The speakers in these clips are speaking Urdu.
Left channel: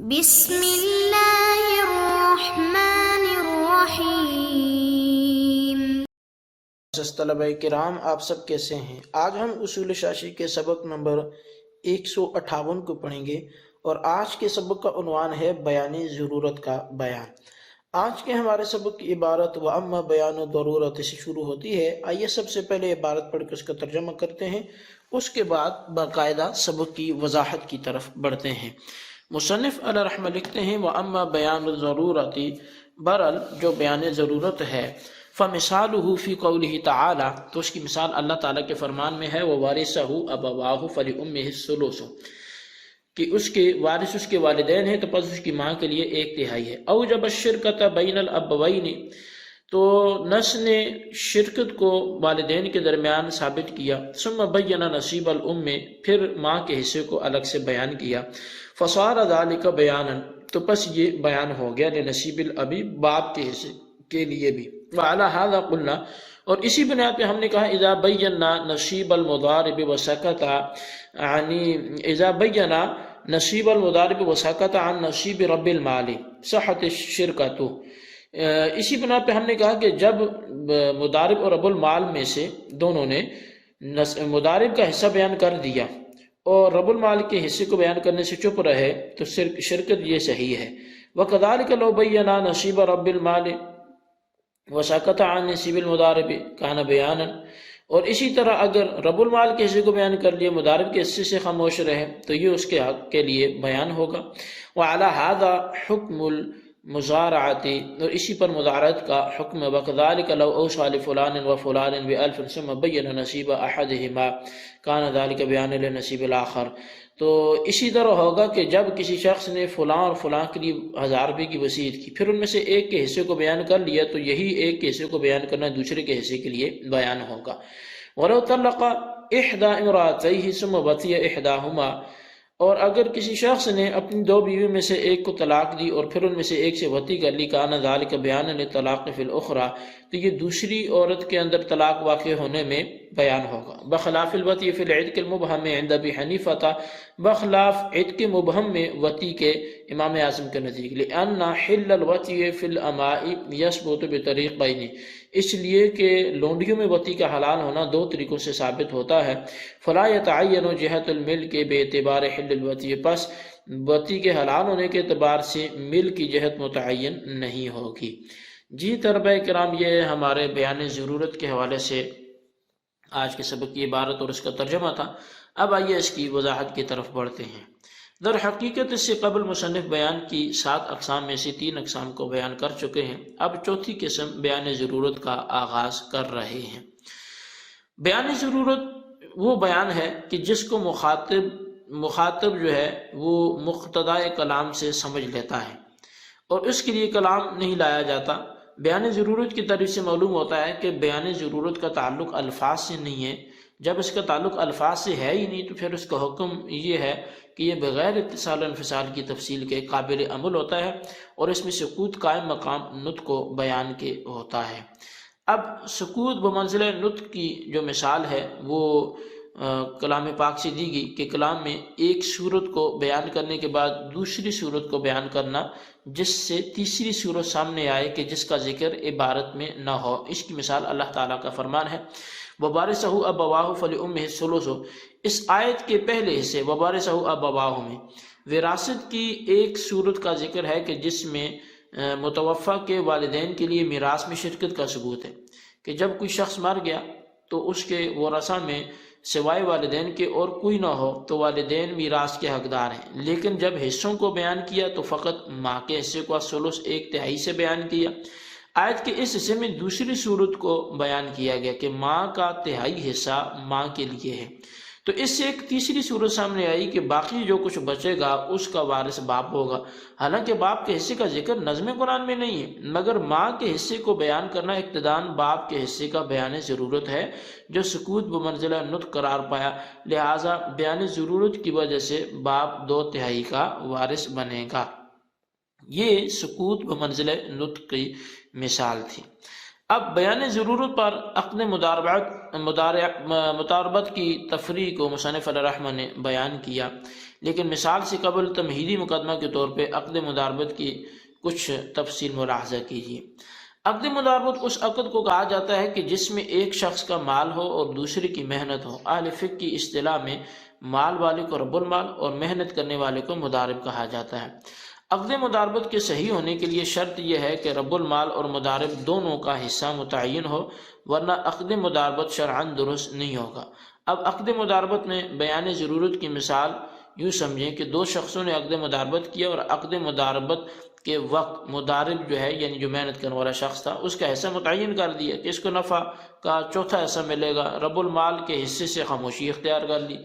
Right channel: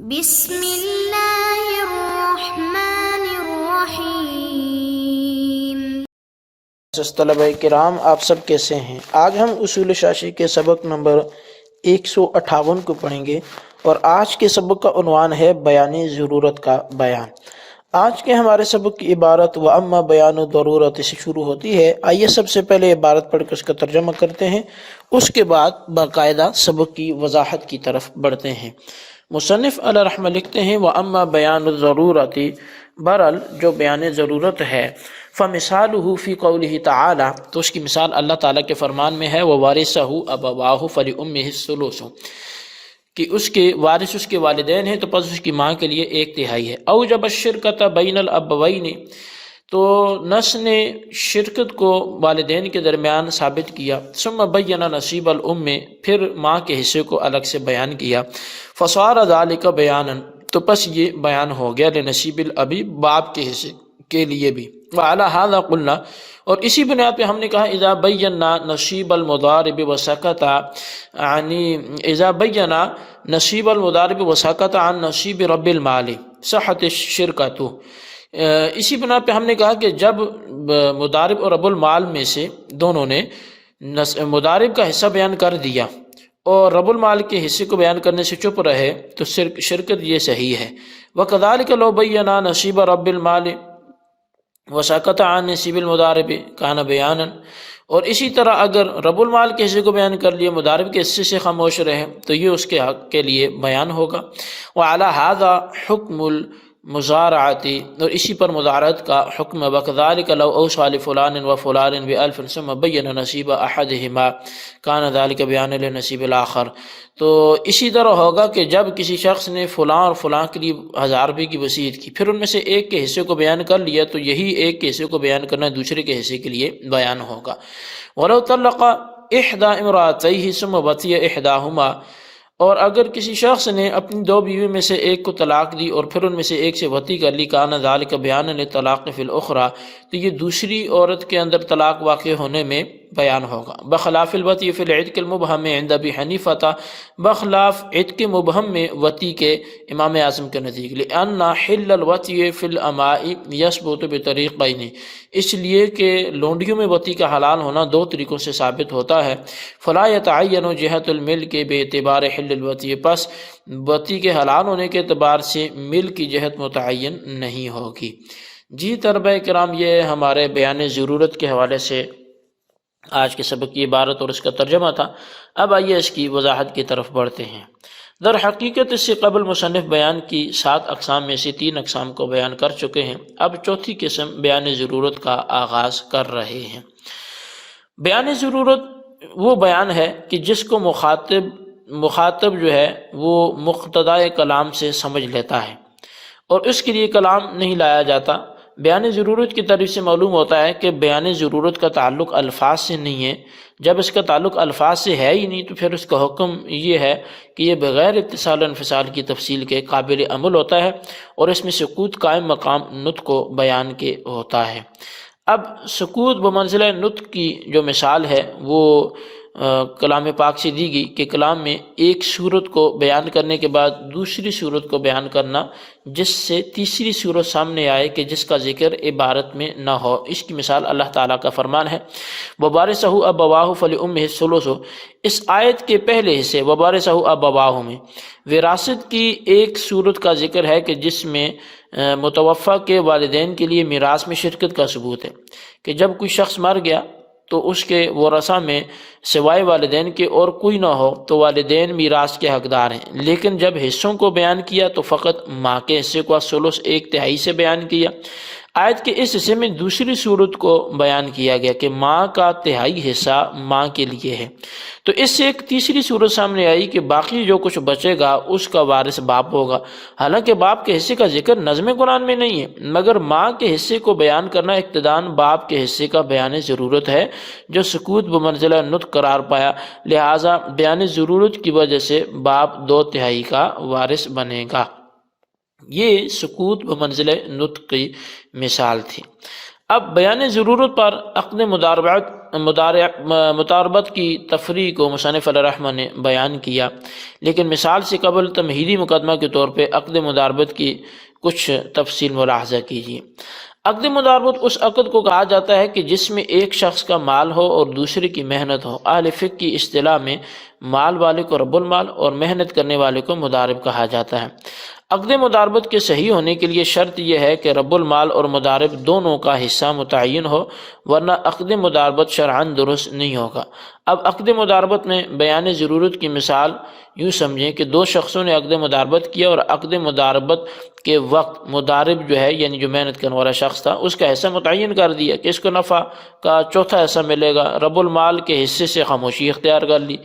بسم اللہ الرحمن الرحیم۔ طلبہ کرام، آپ سب کیسے ہیں؟ آج ہم اصول شاشی کے سبق نمبر 158 کو پڑھیں گے، اور آج کے سبق کا عنوان ہے بیان ضرورت کا بیان۔ آج کے ہمارے سبق کی عبارت وَأَمَّا بَيَانُ ضرورت سے شروع ہوتی ہے۔ آئیے سب سے پہلے عبارت پڑھ کر اس کا ترجمہ کرتے ہیں، اس کے بعد باقاعدہ سبق کی وضاحت کی طرف بڑھتے ہیں۔ مصنف علیہ رحمہ لکھتے ہیں وَأَمَّا بَيَانُ الضَّرُورَةِ، برحال جو بیان ضرورت ہے، فَمِثَالُهُ فِي قَوْلِهِ تَعَالَى، تو اس کی مثال اللہ تعالیٰ کے فرمان میں ہے وَوَارِثَهُ أَبَوَاهُ فَلِأُمِّهِ الثُّلُثُ، کہ اس کے وارث اس کے والدین ہیں تو پس اس کی ماں کے لیے 1/3 ہے۔ أَوْجَبَ الشِّرْكَةَ بَيْنَ الْأَبَوَيْنِ، تو نص نے شرکت کو والدین کے درمیان ثابت کیا۔ ثم بین نصیب الام، پھر ماں کے حصے کو الگ سے بیان کیا۔ فصار ذلک بیانا، تو پس یہ بیان ہو گیا لنصیب الابی، باپ کے حصے کے لیے بھی۔ وعلی ھذا قلنا، اور اسی بنیاد پہ ہم نے کہا اذا بینا نصیب المضارب وسکت، یعنی اذا بینا نصیب المضارب وسکت عن نصیب رب المال صحت الشرکۃ، اسی بنا پہ ہم نے کہا کہ جب مضارب اور رب المال میں سے دونوں نے مضارب کا حصہ بیان کر دیا اور رب المال کے حصے کو بیان کرنے سے چپ رہے تو شرکت یہ صحیح ہے۔ وَكَذَلِكَ لَوْ بَيَّنَا نَصِيبَ رَبِّ الْمَالِ وَسَكَتَ عَنْ نَصِيبِ الْمُضَارِبِ كَانَ بَيَانًا، اور اسی طرح اگر رب المال کے حصے کو بیان کر لیا، مضارب کے حصے سے خاموش رہے تو یہ اس کے حق کے لیے بیان ہوگا۔ وَعَلَى هَذَا حُكْمُ المزارعۃ، اور اسی پر مزارعت کا حکم۔ وَكَذَلِكَ لَوْ أَوْصَى لِفُلَانٍ وَفُلَانٍ بِأَلْفٍ ثُمَّ بَيَّنَ نَصِيبَ أَحَدِهِمَا كَانَ ذَلِكَ بِيَانًا لِنَصِيبِ الْآخَرِ، تو اسی طرح ہوگا کہ جب کسی شخص نے فلاں اور فلاں کے لیے 1000 روپے کی وصیت کی، پھر ان میں سے ایک کے حصے کو بیان کر لیا تو یہی ایک کے حصے کو بیان کرنا دوسرے کے حصے کے لیے بیان ہوگا۔ وَلَوْ طَلَّقَ إِحْدَى امْرَأَتَيْهِ ثُمَّ بَقِيَ إِحْدَاهُمَا، اور اگر کسی شخص نے اپنی 2 بیوی میں سے ایک کو طلاق دی اور پھر ان میں سے ایک سے وطی کر لی، کان ذالک بیان للطلاق فی الاخری، تو یہ دوسری عورت کے اندر طلاق واقع ہونے میں بیان ہوگا۔ بخلاف الوطی فی العتق المبہم عند ابی حنیفہ، بخلاف عتق مبہم میں وطی کے امام اعظم کے نزدیک، لأن حل الوطی فی الاماء یثبت بطریقین، اس لیے کہ لونڈیوں میں وطی کا حلال ہونا 2 طریقوں سے ثابت ہوتا ہے۔ فلا یتعین جہت الملک باعتبار حل الوطی، پس وطی کے حلال ہونے کے اعتبار سے مل کی جہت متعین نہیں ہوگی۔ جی طلبہ کرام، یہ ہمارے بیان ضرورت کے حوالے سے آج کے سبق کی عبارت اور اس کا ترجمہ تھا۔ اب آئیے اس کی وضاحت کی طرف بڑھتے ہیں۔ در حقیقت اس سے قبل مصنف بیان کی 7 اقسام میں سے 3 اقسام کو بیان کر چکے ہیں، اب چوتھی قسم بیان ضرورت کا آغاز کر رہے ہیں۔ بیان ضرورت وہ بیان ہے کہ جس کو مخاطب جو ہے وہ مقتضائے کلام سے سمجھ لیتا ہے اور اس کے لیے کلام نہیں لایا جاتا۔ بیان ضرورت کی طرف سے معلوم ہوتا ہے کہ بیان ضرورت کا تعلق الفاظ سے نہیں ہے۔ جب اس کا تعلق الفاظ سے ہے ہی نہیں تو پھر اس کا حکم یہ ہے کہ یہ بغیر اتصال و انفصال کی تفصیل کے قابل عمل ہوتا ہے، اور اس میں سکوت قائم مقام نطق و بیان کے ہوتا ہے۔ اب سکوت بمنزلہ نطق کی جو مثال ہے وہ کلام پاک سے دی گئی کہ کلام میں ایک صورت کو بیان کرنے کے بعد دوسری صورت کو بیان کرنا جس سے تیسری صورت سامنے آئے کہ جس کا ذکر عبارت میں نہ ہو۔ اس کی مثال اللہ تعالیٰ کا فرمان ہے وَوَارِثَهُ أَبَوَاهُ فَلِأُمِّهِ الثُّلُثُ، اس آیت کے پہلے حصے وَوَارِثَهُ أَبَوَاهُ میں وراثت کی ایک صورت کا ذکر ہے کہ جس میں متوفی کے والدین کے لیے میراث میں شرکت کا ثبوت ہے کہ جب کوئی شخص مر گیا تو اس کے ورثہ میں سوائے والدین کے اور کوئی نہ ہو تو والدین میراث کے حقدار ہیں، لیکن جب حصوں کو بیان کیا تو فقط ماں کے حصے کو ثلث 1/3 سے بیان کیا۔ آیت کے اس حصے میں دوسری صورت کو بیان کیا گیا کہ ماں کا 1/3 حصہ ماں کے لیے ہے، تو اس سے ایک تیسری صورت سامنے آئی کہ باقی جو کچھ بچے گا اس کا وارث باپ ہوگا۔ حالانکہ باپ کے حصے کا ذکر نظم قرآن میں نہیں ہے، مگر ماں کے حصے کو بیان کرنا اقتداً باپ کے حصے کا بیان ضرورت ہے جو سکوت بمنزلہ نطق قرار پایا، لہٰذا بیان ضرورت کی وجہ سے باپ 2/3 کا وارث بنے گا۔ یہ سکوت بمنزلہ نطق کی مثال تھی۔ اب بیان ضرورت پر عقد مداربت مداربت کی تفریح کو مصنف علیہ الرحمہ نے بیان کیا، لیکن مثال سے قبل تمہیدی مقدمہ کے طور پہ عقد مداربت کی کچھ تفصیل ملاحظہ کیجیے۔ عقد مداربت اس عقد کو کہا جاتا ہے کہ جس میں ایک شخص کا مال ہو اور دوسرے کی محنت ہو۔ اہل فقہ کی اصطلاح میں مال والے کو رب المال اور محنت کرنے والے کو مدارب کہا جاتا ہے۔ عقد مداربت کے صحیح ہونے کے لیے شرط یہ ہے کہ رب المال اور مدارب دونوں کا حصہ متعین ہو، ورنہ عقد مداربت شرعاً درست نہیں ہوگا۔ اب عقد مداربت میں بیان ضرورت کی مثال یوں سمجھیں کہ دو شخصوں نے عقد مداربت کیا اور عقد مداربت کے وقت مدارب جو ہے یعنی جو محنت کرنے والا شخص تھا اس کا حصہ متعین کر دیا کہ اس کو نفع کا چوتھا حصہ ملے گا، رب المال کے حصے سے خاموشی اختیار کر لی۔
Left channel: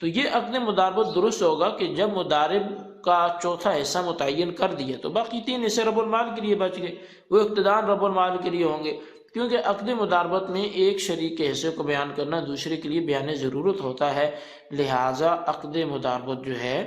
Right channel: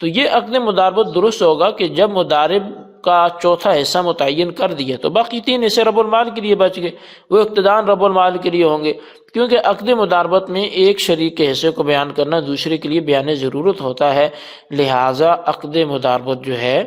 تو یہ عقد مداربت درست ہوگا کہ جب مدارب کا چوتھا حصہ متعین کر دیا تو باقی تین حصے رب المال کے لیے بچ گئے، وہ اقتدان رب المال کے لیے ہوں گے، کیونکہ عقد مداربت میں ایک شریک کے حصے کو بیان کرنا دوسرے کے لیے بیان ضرورت ہوتا ہے، لہٰذا عقد مداربت جو ہے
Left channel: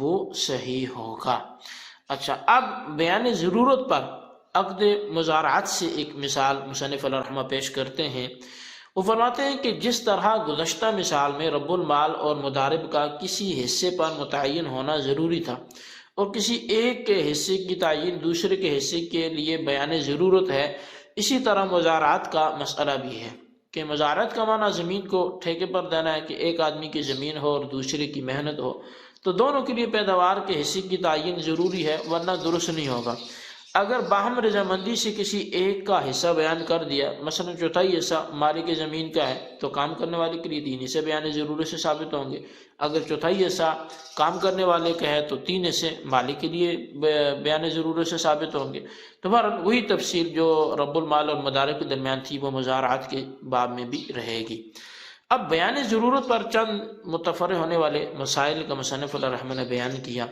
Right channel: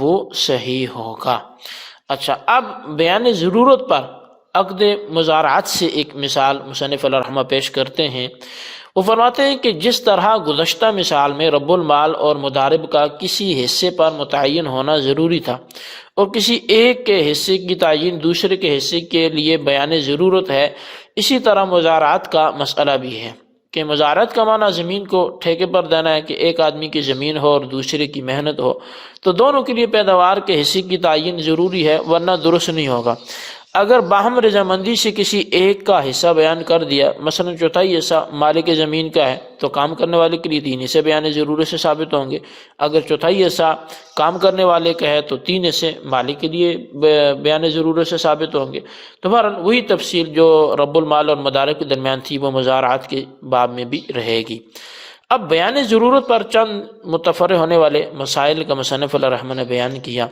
وہ صحیح ہوگا۔ اچھا، اب بیان ضرورت پر عقد مزارعت سے ایک مثال مصنف علیہ الرحمہ پیش کرتے ہیں۔ وہ فرماتے ہیں کہ جس طرح گزشتہ مثال میں رب المال اور مدارب کا کسی حصے پر متعین ہونا ضروری تھا اور کسی ایک کے حصے کی تعین دوسرے کے حصے کے لیے بیان ضرورت ہے، اسی طرح مزارعت کا مسئلہ بھی ہے کہ مزارعت کا معنی زمین کو ٹھیکے پر دینا ہے کہ ایک آدمی کی زمین ہو اور دوسرے کی محنت ہو، تو دونوں کے لیے پیداوار کے حصے کی تعین ضروری ہے، ورنہ درست نہیں ہوگا۔ اگر باہم رضامندی سے کسی ایک کا حصہ بیان کر دیا، مثلا چوتھائی حصہ مالک زمین کا ہے تو کام کرنے والے کے لیے تین حصے بیان ضرورت سے ثابت ہوں گے، اگر چوتھائی حصہ کام کرنے والے کا ہے تو تین حصے مالک کے لیے بیان ضرورت سے ثابت ہوں گے۔ تو بہرحال وہی تفصیل جو رب المال اور مدارب کے درمیان تھی وہ مزارعات کے باب میں بھی رہے گی۔ اب بیان ضرورت پر چند متفرع ہونے والے مسائل کا مصنف علیہ الرحمہ نے بیان کیا۔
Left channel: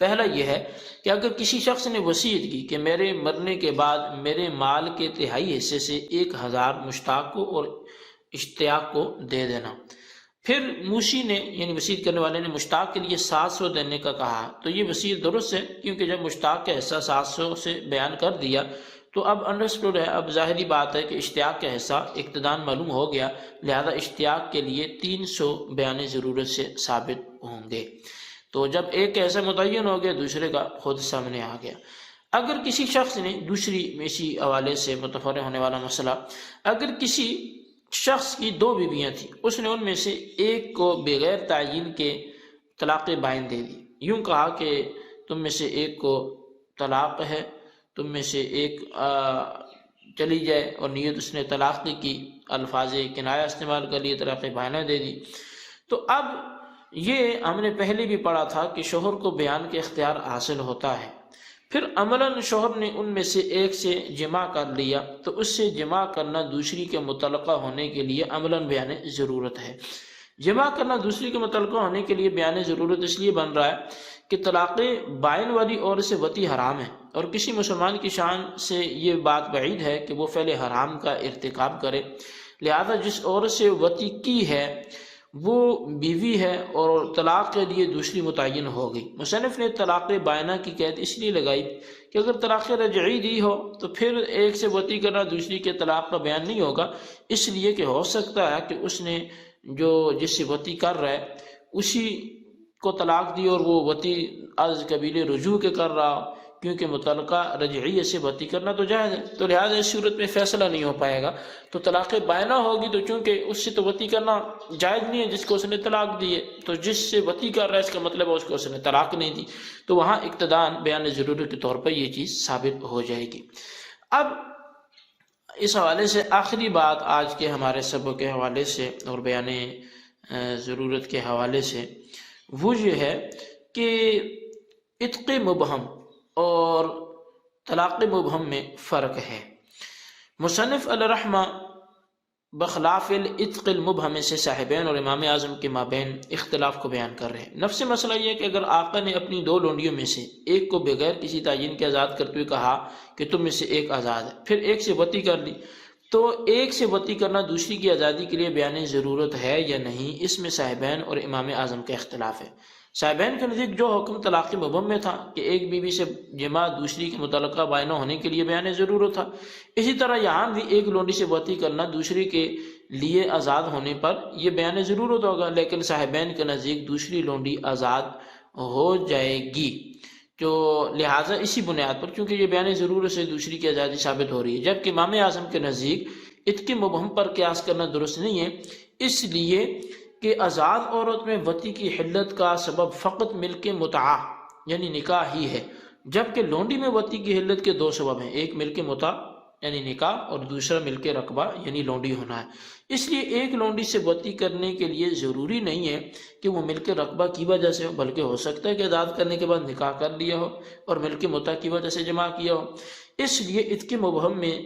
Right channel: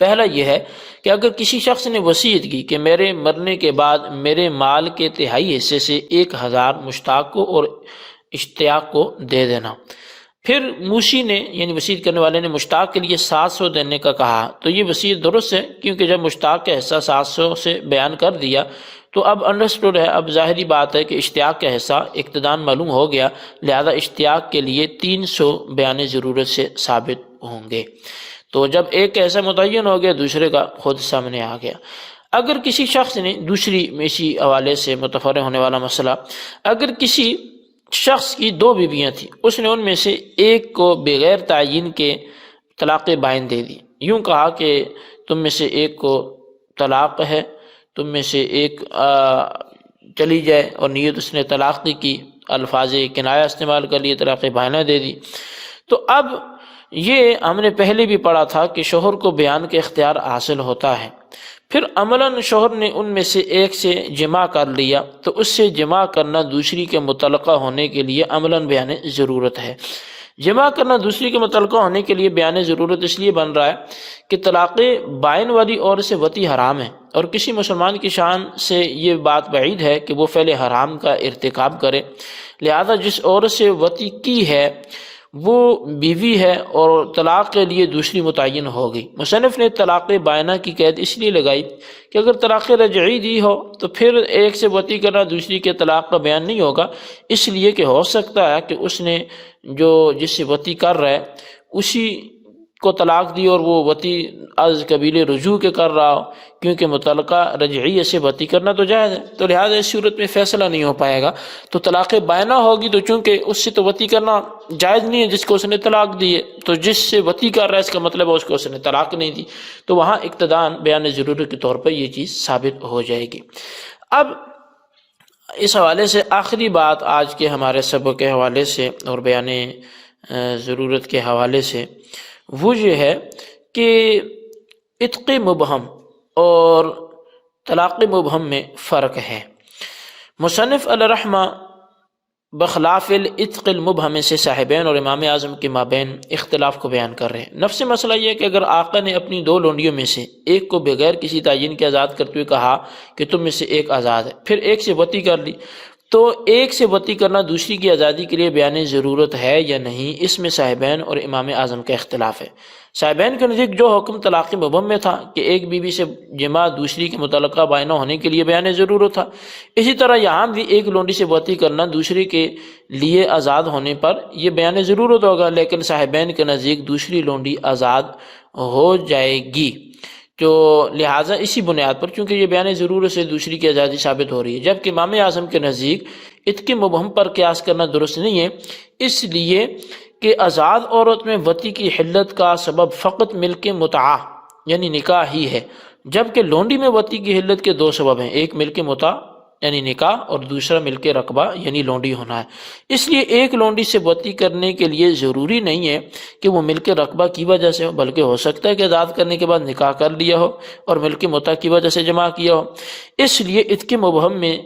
پہلا یہ ہے کہ اگر کسی شخص نے وصیت کی کہ میرے مرنے کے بعد میرے مال کے تہائی حصے سے 1000 مشتاق کو اور اشتیاق کو دے دینا، پھر موسی نے یعنی وصیت کرنے والے نے مشتاق کے لیے 700 دینے کا کہا، تو یہ وصیت درست ہے، کیونکہ جب مشتاق کا حصہ 700 سے بیان کر دیا تو اب انڈرسٹوڈ ہے، اب ظاہری بات ہے کہ اشتیاق کا حصہ اقتدان معلوم ہو گیا، لہذا اشتیاق کے لیے 300 بیان ضرورت سے ثابت ہوں گے۔ تو جب ایک کا حصہ متعین ہو گیا دوسرے کا خود سامنے آ گیا۔ اگر کسی شخص نے دوسری اسی حوالے سے متفرع ہونے والا مسئلہ، اگر کسی شخص کی 2 بیویاں تھیں، اس نے ان میں سے ایک کو بغیر تعین کے طلاق بائن دے دی، یوں کہا کہ تم میں سے ایک کو طلاق ہے، تم میں سے ایک چلی جائے، اور نیت اس نے طلاق کی الفاظ کنایہ استعمال کر لیے، طلاق بائنہ دے دی۔ تو اب یہ ہم نے پہلے بھی پڑھا تھا کہ شوہر کو بیان کا اختیار حاصل ہوتا ہے، پھر عملاً شوہر نے ان میں سے ایک سے جماع کر لیا تو اس سے جماع کرنا دوسری کے متعلقہ ہونے کے لیے عملاً بیان ضرورت ہے۔ جماع کرنا دوسری کے متعلقہ ہونے کے لیے بیان ضرورت اس لیے بن رہا ہے کہ طلاق بائن والی عورت سے وطی حرام ہے، اور کسی مسلمان کی شان سے یہ بات بعید ہے کہ وہ فعل حرام کا ارتکاب کرے، لہذا جس عورت سے وطی کی ہے وہ بیوی ہے اور طلاق کے لیے دوسری متعین ہو گئی۔ مصنف نے طلاق بائنہ کی قید اس لیے لگائی کہ اگر طلاق رجعی دی ہو تو پھر ایک سے وطی کرنا دوسری کے طلاق کا بیان نہیں ہوگا، اس لیے کہ ہو سکتا ہے کہ اس نے جو جس سے وطی کر رہا ہے اسی کو طلاق دی اور وہ وطی از قبیل رجوع کے کر رہا ہو، کیونکہ متعلقہ رجعیہ سے وطی کرنا تو جائز ہے، تو لہٰذا اس صورت میں فیصلہ نہیں ہو پائے گا۔ تو طلاق بائنہ ہوگی تو چونکہ اس سے تو وطی کرنا جائز نہیں ہے جس کو اس نے طلاق دی ہے، تو جس سے وطی کر رہا ہے اس کا مطلب ہے اس کو اس نے طلاق نہیں دی، تو وہاں اقتدان بیان ضرورت کے طور پر یہ چیز ثابت ہو جائے گی۔ اب اس حوالے سے آخری بات آج کے ہمارے سبق کے حوالے سے اور بیان ضرورت کے حوالے سے وہ یہ ہے کہ عتق مبہم اور طلاق مبہم میں فرق ہے۔ مصنف علیہ الرحمہ بخلاف العتق المبہم سے صاحبین اور امام اعظم کے مابین اختلاف کو بیان کر رہے ہیں۔ نفس مسئلہ یہ ہے کہ اگر آقا نے اپنی 2 لونڈیوں میں سے ایک کو بغیر کسی تعین کے آزاد کرتے ہوئے کہا کہ تم میں سے ایک آزاد ہے، پھر ایک سے وطی کر لی، تو ایک سے وطی کرنا دوسری کی آزادی کے لیے بیان ضرورت ہے یا نہیں، اس میں صاحبین اور امام اعظم کا اختلاف ہے۔ صاحبین کے نزدیک جو حکم طلاق مبہم میں تھا کہ ایک بیوی سے جماع دوسری کے متعلقہ بائنہ ہونے کے لیے بیان ضرورت تھا، اسی طرح یہاں بھی ایک لونڈی سے وطی کرنا دوسری کے لیے آزاد ہونے پر یہ بیان ضرورت ہوگا، لیکن صاحبین کے نزدیک دوسری لونڈی آزاد ہو جائے گی، تو لہٰذا اسی بنیاد پر چونکہ یہ بیان ضرورت سے دوسری کی آزادی ثابت ہو رہی ہے، جبکہ امام اعظم کے نزدیک اتق مبہم پر قیاس کرنا درست نہیں ہے، اس لیے کہ آزاد عورت میں وطی کی حلت کا سبب فقط ملک متعہ یعنی نکاح ہی ہے، جبکہ لونڈی میں وطی کی حلت کے دو سبب ہیں، ایک ملک متعہ یعنی نکاح اور دوسرا ملک رقبہ یعنی لونڈی ہونا ہے۔ اس لیے ایک لونڈی سے وطی کرنے کے لیے ضروری نہیں ہے کہ وہ ملک رقبہ کی وجہ سے ہو، بلکہ ہو سکتا ہے کہ آزاد کرنے کے بعد نکاح کر لیا ہو اور ملک متعہ کی وجہ سے جمع کیا ہو۔ اس لیے اتق مبہم میں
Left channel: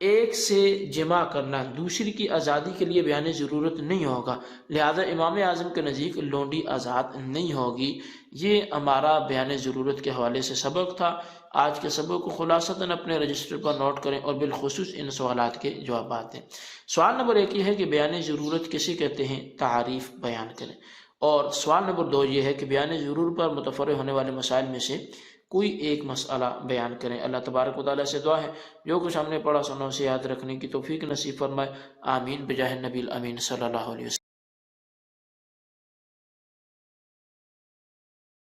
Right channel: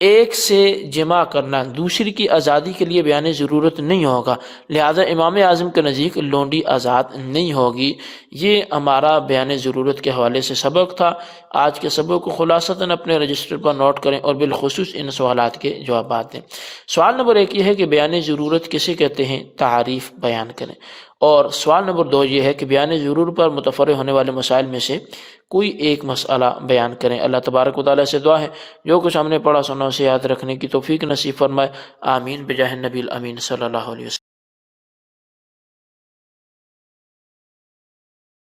ایک سے جمع کرنا دوسری کی آزادی کے لیے بیان ضرورت نہیں ہوگا، لہذا امام اعظم کے نزدیک لونڈی آزاد نہیں ہوگی۔ یہ ہمارا بیان ضرورت کے حوالے سے سبق تھا۔ آج کے سبق کو خلاصتاً اپنے رجسٹر پر نوٹ کریں اور بالخصوص ان سوالات کے جوابات دیں۔ سوال نمبر 1 یہ ہے کہ بیان ضرورت کسے کہتے ہیں، تعریف بیان کریں، اور سوال نمبر 2 یہ ہے کہ بیان ضرورت پر متفرع ہونے والے مسائل میں سے کوئی ایک مسئلہ بیان کریں۔ اللہ تبارک و تعالیٰ سے دعا ہے جو کچھ ہم نے پڑھا سنا اسے یاد رکھنے کی توفیق نصیب فرمائے، آمین بجاہ النبی الامین صلی اللہ علیہ وسلم۔